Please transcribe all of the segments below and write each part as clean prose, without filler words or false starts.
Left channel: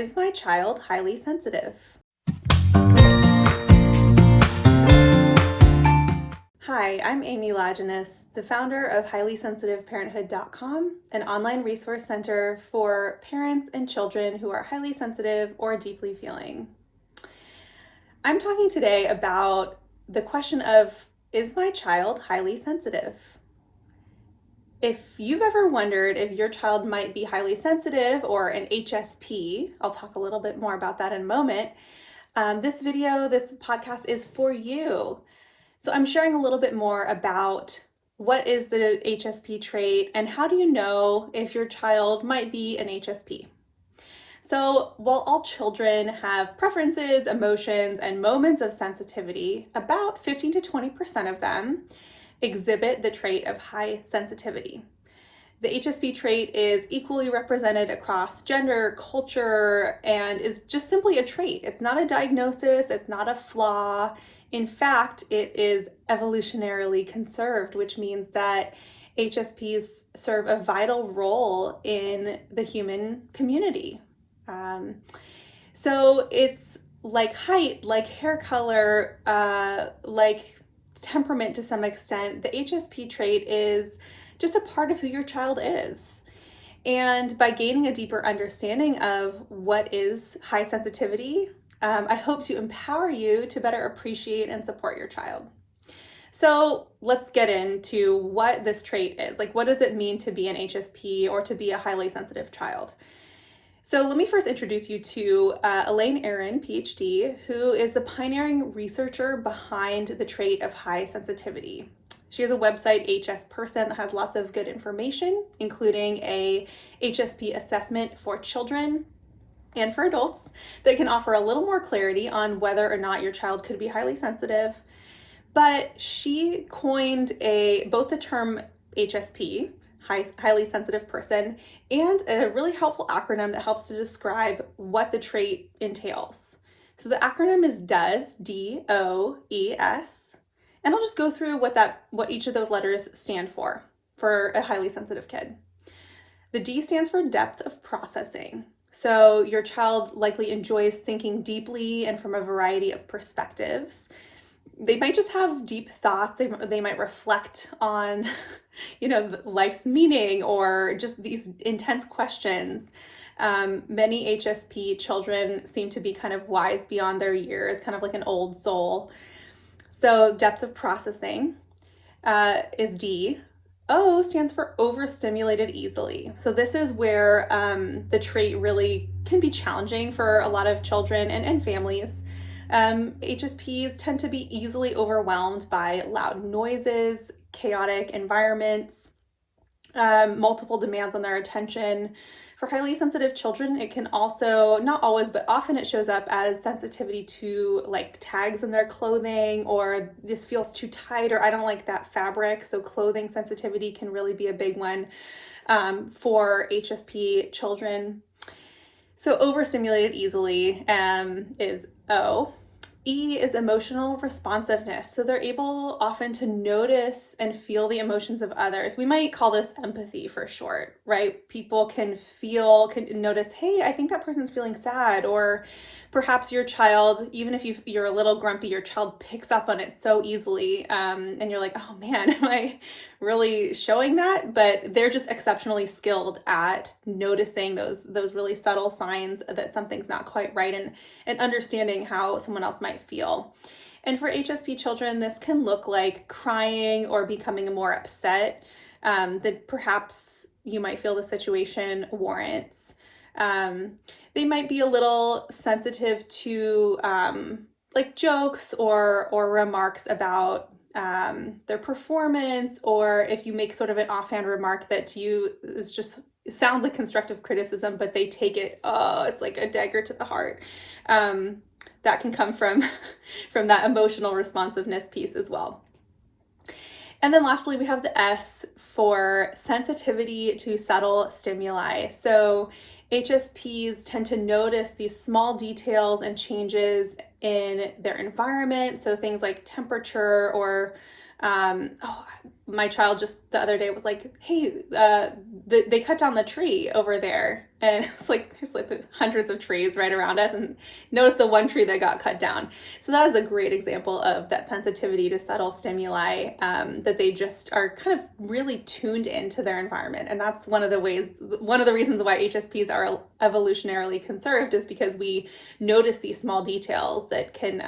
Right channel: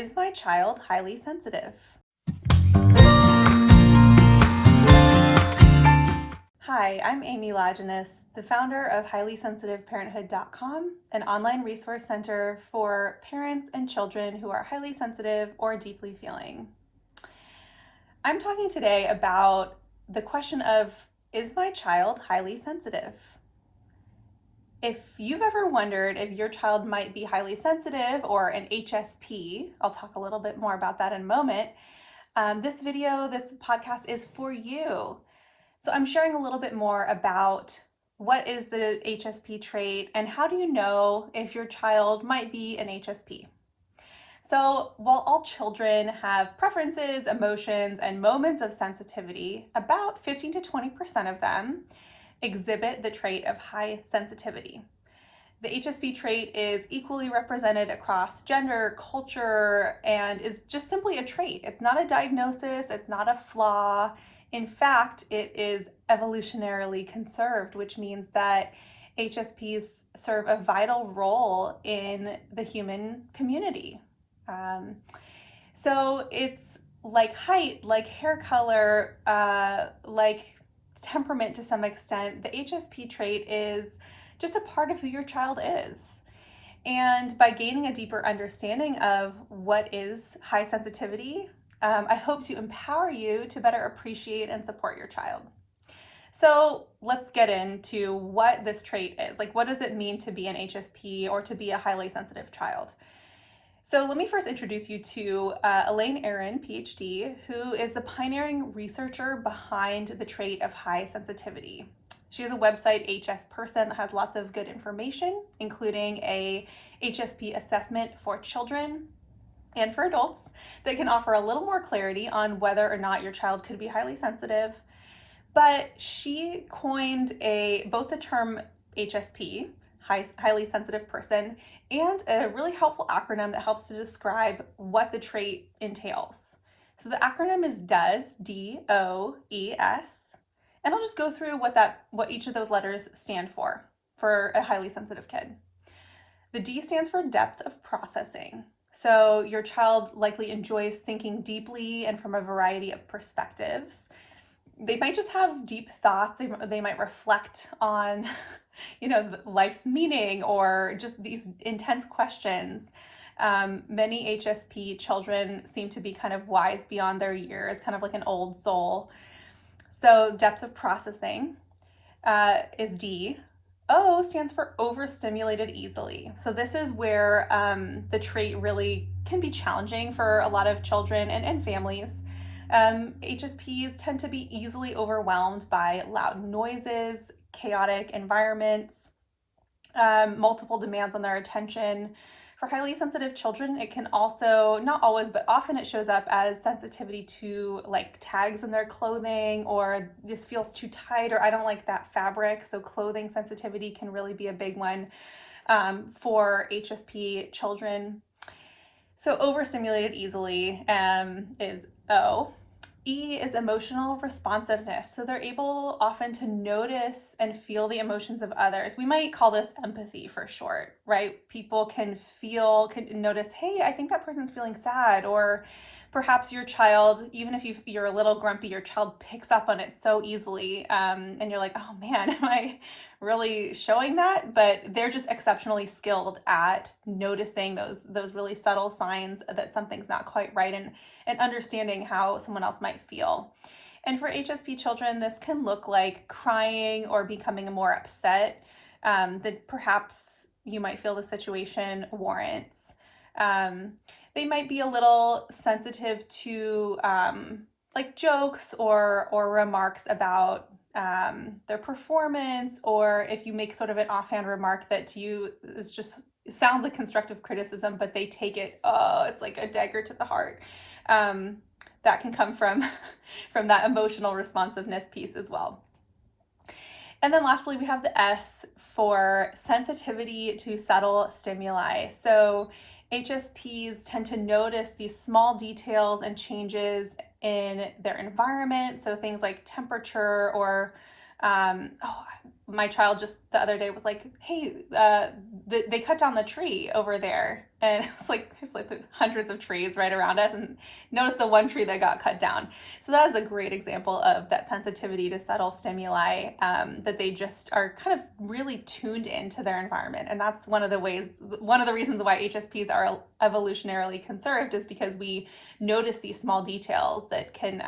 Is my child highly sensitive? Hi, I'm Amy Lajeunesse, the founder of highlysensitiveparenthood.com, an online resource center for parents and children who are highly sensitive or deeply feeling. I'm talking today about the question of, is my child highly sensitive? If you've ever wondered if your child might be highly sensitive or an HSP, I'll talk a little bit more about that in a moment. This podcast is for you. So I'm sharing a little bit more about what is the HSP trait and how do you know if your child might be an HSP. So while all children have preferences, emotions, and moments of sensitivity, about 15 to 20% of them exhibit the trait of high sensitivity. The HSP trait is equally represented across gender, culture, and is just simply a trait. It's not a diagnosis, it's not a flaw. In fact, it is evolutionarily conserved, which means that HSPs serve a vital role in the human community. So it's like height, like hair color, like temperament to some extent. The HSP trait is just a part of who your child is. And by gaining a deeper understanding of what is high sensitivity, I hope to empower you to better appreciate and support your child. So let's get into what this trait is. Like, what does it mean to be an HSP or to be a highly sensitive child? So let me first introduce you to Elaine Aron, PhD, who is the pioneering researcher behind the trait of high sensitivity. She has a website, hsperson, that has lots of good information, including a HSP assessment for children and for adults that can offer a little more clarity on whether or not your child could be highly sensitive. But she coined both the term HSP, highly sensitive person, and a really helpful acronym that helps to describe what the trait entails. So the acronym is DOES, D-O-E-S, and I'll just go through what each of those letters stand for a highly sensitive kid. The D stands for depth of processing. So your child likely enjoys thinking deeply and from a variety of perspectives. They might just have deep thoughts. They might reflect on, life's meaning or just these intense questions. Many HSP children seem to be kind of wise beyond their years, kind of like an old soul. So depth of processing is D. O stands for overstimulated easily. So this is where the trait really can be challenging for a lot of children and families. HSPs tend to be easily overwhelmed by loud noises, chaotic environments, multiple demands on their attention. For highly sensitive children, it can also, not always, but often it shows up as sensitivity to like tags in their clothing, or this feels too tight, or I don't like that fabric. So clothing sensitivity can really be a big one for HSP children. So overstimulated easily is O. E is emotional responsiveness. So they're able often to notice and feel the emotions of others. We might call this empathy for short, right? People can notice, hey, I think that person's feeling sad, or perhaps your child, even if you're a little grumpy, your child picks up on it so easily, and you're like, oh man, am I really showing that? But they're just exceptionally skilled at noticing those really subtle signs that something's not quite right, and understanding how someone else might feel. And for HSP children, this can look like crying or becoming more upset that perhaps you might feel the situation warrants. They might be a little sensitive to like jokes or remarks about their performance, or if you make sort of an offhand remark that to you it sounds like constructive criticism, but they take it, it's like a dagger to the heart. That can come from that emotional responsiveness piece as well. And then lastly, we have the S for sensitivity to subtle stimuli. So HSPs tend to notice these small details and changes in their environment. So things like temperature or Oh, my child just the other day was like, hey, they cut down the tree over there. And it's like, there's like hundreds of trees right around us, and notice the one tree that got cut down. So that is a great example of that sensitivity to subtle stimuli, that they just are kind of really tuned into their environment. And that's one of the reasons why HSPs are evolutionarily conserved, is because we notice these small details that can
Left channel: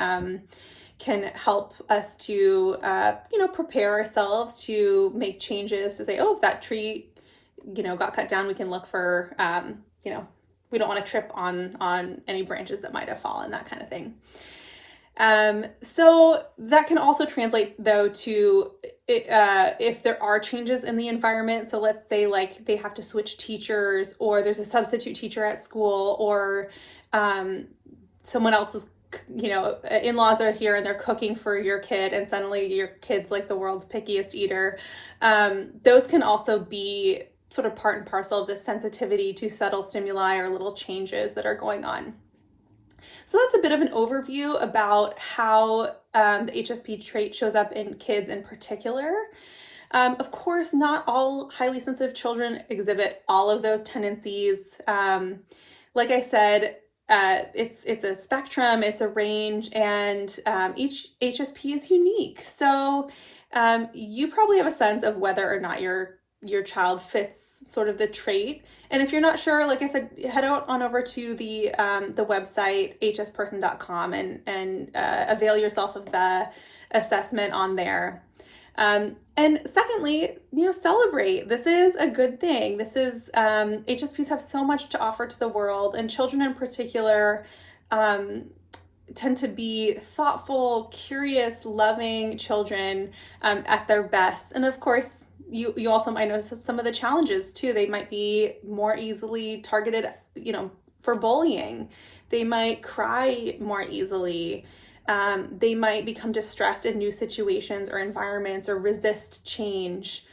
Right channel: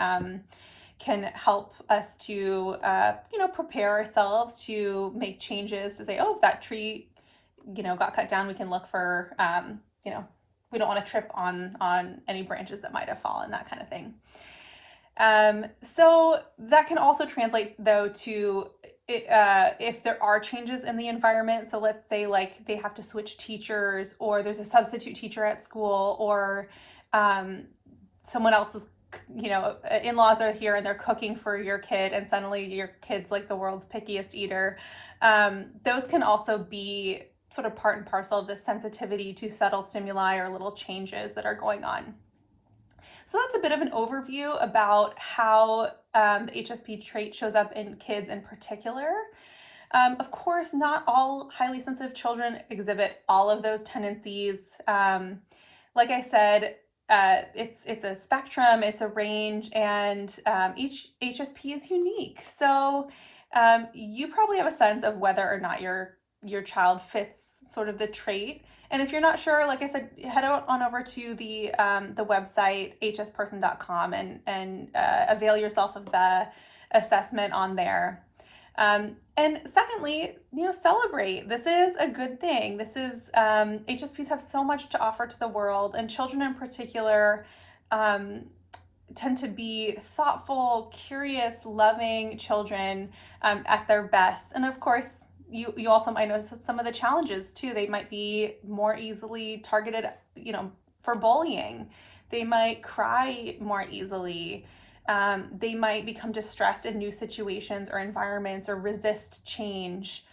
help us to, prepare ourselves to make changes, to say, oh, if that tree, got cut down, we can look for, we don't want to trip on any branches that might have fallen, that kind of thing. So that can also translate though to if there are changes in the environment. So let's say like they have to switch teachers, or there's a substitute teacher at school, or someone else's in-laws are here and they're cooking for your kid, and suddenly your kid's like the world's pickiest eater. Those can also be sort of part and parcel of this sensitivity to subtle stimuli or little changes that are going on. So that's a bit of an overview about how the HSP trait shows up in kids in particular. Of course, not all highly sensitive children exhibit all of those tendencies. Like I said, it's a spectrum, it's a range, and each HSP is unique. So you probably have a sense of whether or not your child fits sort of the trait. And if you're not sure, like I said, head on over to the website hsperson.com and avail yourself of the assessment on there. And secondly, celebrate. This is a good thing. This is, HSPs have so much to offer to the world, and children in particular tend to be thoughtful, curious, loving children at their best. And of course, you also might notice some of the challenges too. They might be more easily targeted, for bullying. They might cry more easily. They might become distressed in new situations or environments, or resist change.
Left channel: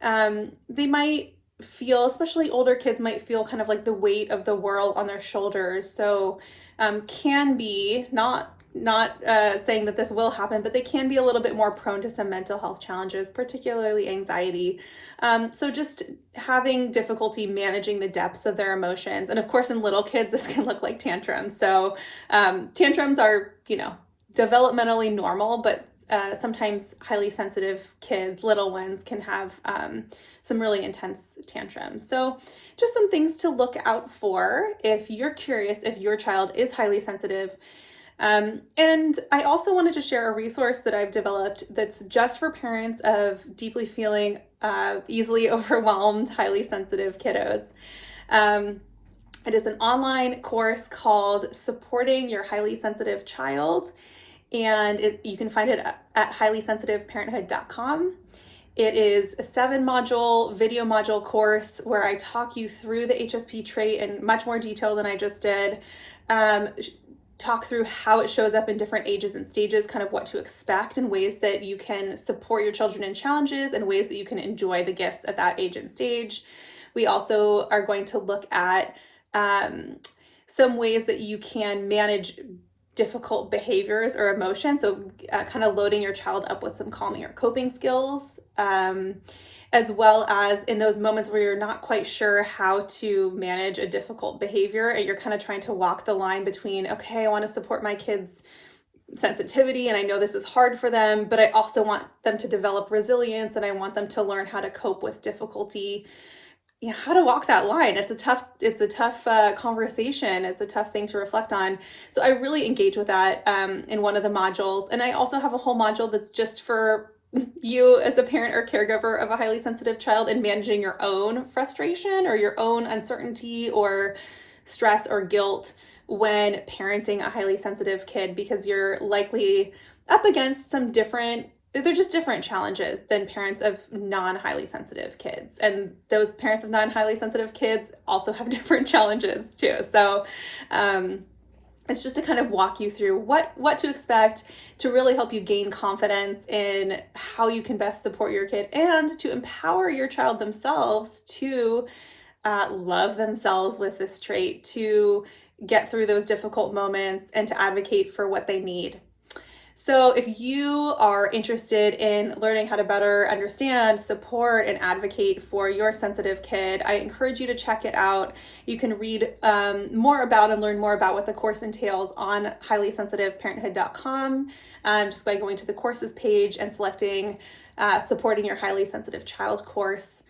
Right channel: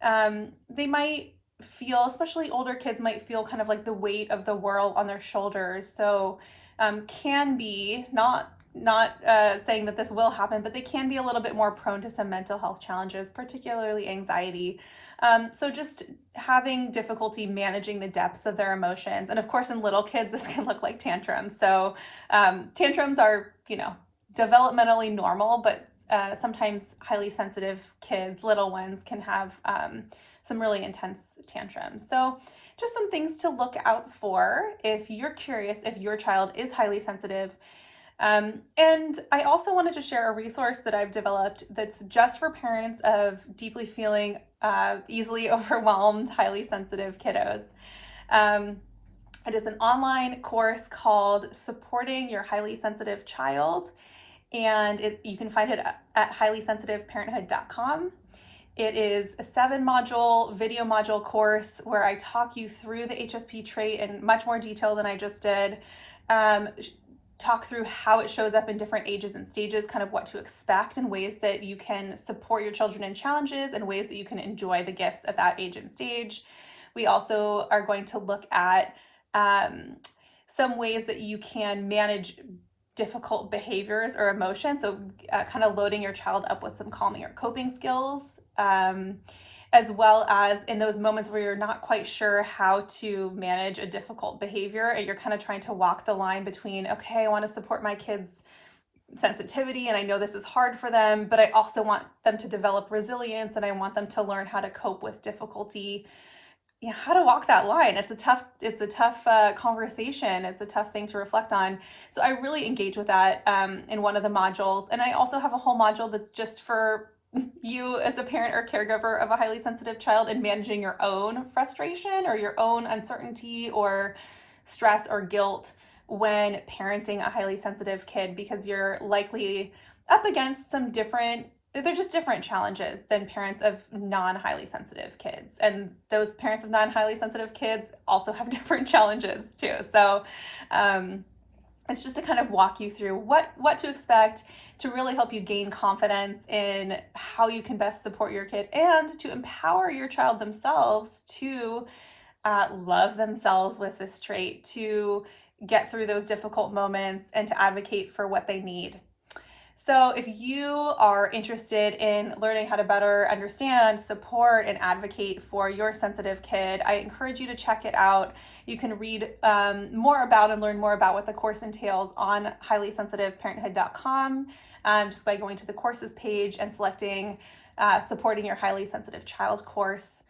They might feel, especially older kids, might feel kind of like the weight of the world on their shoulders. So can be not saying that this will happen, but they can be a little bit more prone to some mental health challenges, particularly anxiety. So just having difficulty managing the depths of their emotions. And of course, in little kids, this can look like tantrums. So tantrums are, developmentally normal, but sometimes highly sensitive kids, little ones, can have some really intense tantrums. So just some things to look out for if you're curious if your child is highly sensitive. And I also wanted to share a resource that I've developed that's just for parents of deeply feeling easily overwhelmed, highly sensitive kiddos. It is an online course called Supporting Your Highly Sensitive Child, and you can find it at highlysensitiveparenthood.com. It is a 7-module video module course where I talk you through the HSP trait in much more detail than I just did. Talk through how it shows up in different ages and stages, kind of what to expect, and ways that you can support your children in challenges, and ways that you can enjoy the gifts at that age and stage. We also are going to look at some ways that you can manage difficult behaviors or emotions. So kind of loading your child up with some calming or coping skills, as well as in those moments where you're not quite sure how to manage a difficult behavior, and you're kind of trying to walk the line between, okay, I want to support my kids' sensitivity, and I know this is hard for them, but I also want them to develop resilience, and I want them to learn how to cope with difficulty. How to walk that line. It's a tough conversation. It's a tough thing to reflect on. So I really engage with that in one of the modules. And I also have a whole module that's just for you as a parent or caregiver of a highly sensitive child, and managing your own frustration or your own uncertainty or stress or guilt when parenting a highly sensitive kid, because you're likely up against they're just different challenges than parents of non-highly sensitive kids. And those parents of non-highly sensitive kids also have different challenges too. So it's just to kind of walk you through what to expect, to really help you gain confidence in how you can best support your kid, and to empower your child themselves to love themselves with this trait, to get through those difficult moments, and to advocate for what they need. So if you are interested in learning how to better understand, support, and advocate for your sensitive kid, I encourage you to check it out. You can read more about and learn more about what the course entails on highlysensitiveparenthood.com, just by going to the courses page and selecting supporting your highly sensitive child course.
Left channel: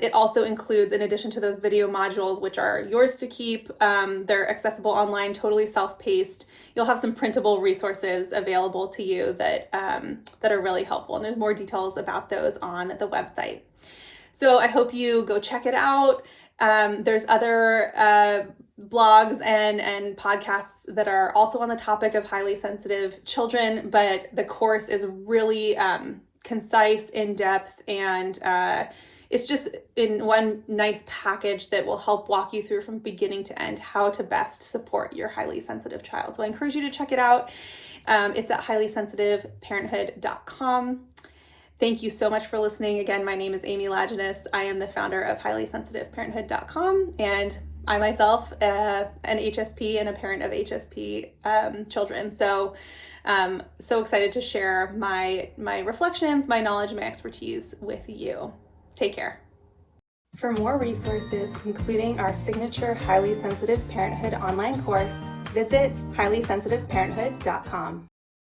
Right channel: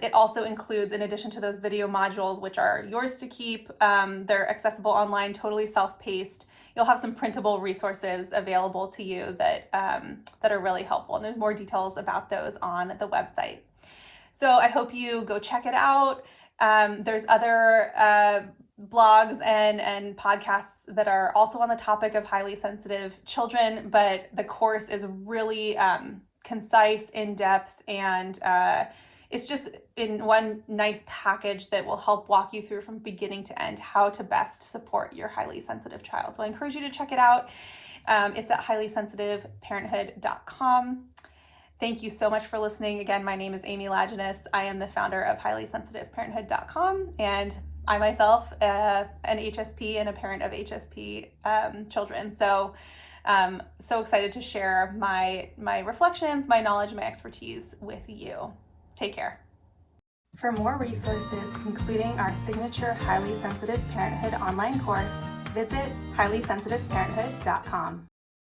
It also includes, in addition to those video modules, which are yours to keep, they're accessible online, totally self-paced. You'll have some printable resources available to you that are really helpful. And there's more details about those on the website. So I hope you go check it out. There's other blogs and podcasts that are also on the topic of highly sensitive children, but the course is really concise, in-depth, and it's just in one nice package that will help walk you through from beginning to end how to best support your highly sensitive child. So I encourage you to check it out. It's at highlysensitiveparenthood.com. Thank you so much for listening. Again, my name is Amy Lajeunesse. I am the founder of highlysensitiveparenthood.com, and I myself an HSP and a parent of HSP children. So so excited to share my reflections, my knowledge, my expertise with you. Take care. For more resources, including our signature Highly Sensitive Parenthood online course, visit highlysensitiveparenthood.com.